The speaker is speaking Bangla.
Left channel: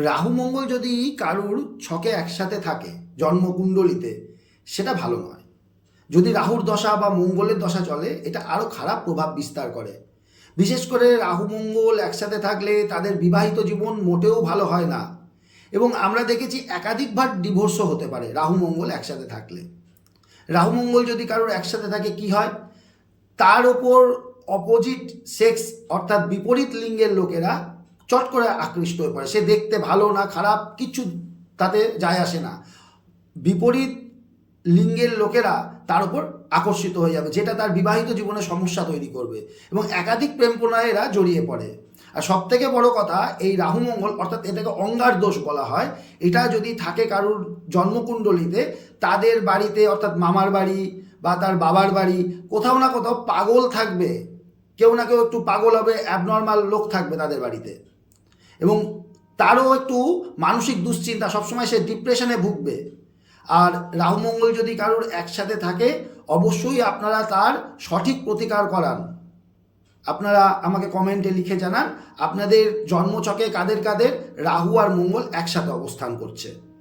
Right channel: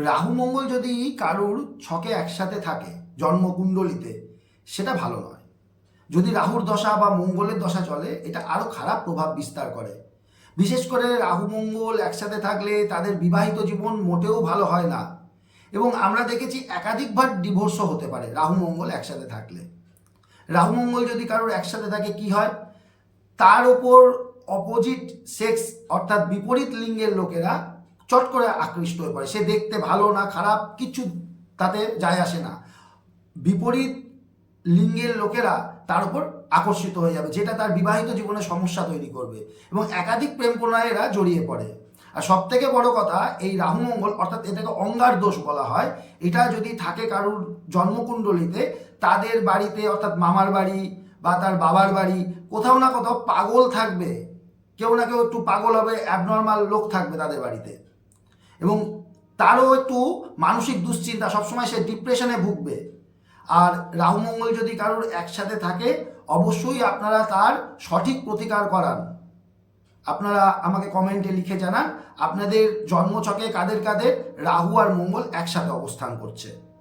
রাহু মঙ্গল যদি কারুর ছকে একসাথে থাকে, জন্মকুণ্ডলিতে, সেটা ভালো নয়। যদি রাহুর দশা বা মঙ্গলের দশা চলে, এটা আরও খারাপ প্রভাব বিস্তার করে। বিশেষ করে রাহু মঙ্গল একসাথে থাকলে তাদের বিবাহিত জীবন মোটেও ভালো হয় না। এবং আমরা দেখেছি একাধিকবার ডিভোর্সও হতে পারে রাহু মঙ্গল একসাথে থাকলে। রাহু মঙ্গল যদি কারোর একসাথে থাকে, কি হয়? তার ওপর অপোজিট সেক্স অর্থাৎ বিপরীত লিঙ্গের লোকেরা চট করে আকৃষ্ট হয়ে পড়ে। সে দেখতে ভালো না, খারাপ, কিছু তাতে যায় আসে না। বিপরীত লিঙ্গের লোকেরা তার উপর আকর্ষিত হয়ে যাবে, যেটা তার বিবাহিত জীবনে সমস্যা তৈরি করবে এবং একাধিক প্রেম প্রণয়েরা জড়িয়ে পড়ে। আর সব থেকে বড় কথা, এই রাহুমঙ্গল, অর্থাৎ এটাকে অঙ্গার দোষ বলা হয়, এটা যদি থাকে কারুর জন্মকুণ্ডলিতে, তাদের বাড়িতে, অর্থাৎ মামার বাড়ি বা তার বাবার বাড়ি, কোথাও না কোথাও পাগল থাকবে। কেউ না কেউ একটু পাগল হবে অ্যাবনর্মাল লোক থাকবে তাদের বাড়িতে। এবং তারও একটু মানসিক দুশ্চিন্তা, সবসময় সে ডিপ্রেশনে ভুগবে। আর রাহুমঙ্গল যদি কারোর একসাথে থাকে, অবশ্যই আপনারা তার সঠিক প্রতিকার করান। আপনারা আমাকে কমেন্টে লিখে জানান, আপনাদের জন্মচকে কাদের কাদের রাহু আর মঙ্গল একসাথে অবস্থান করছে।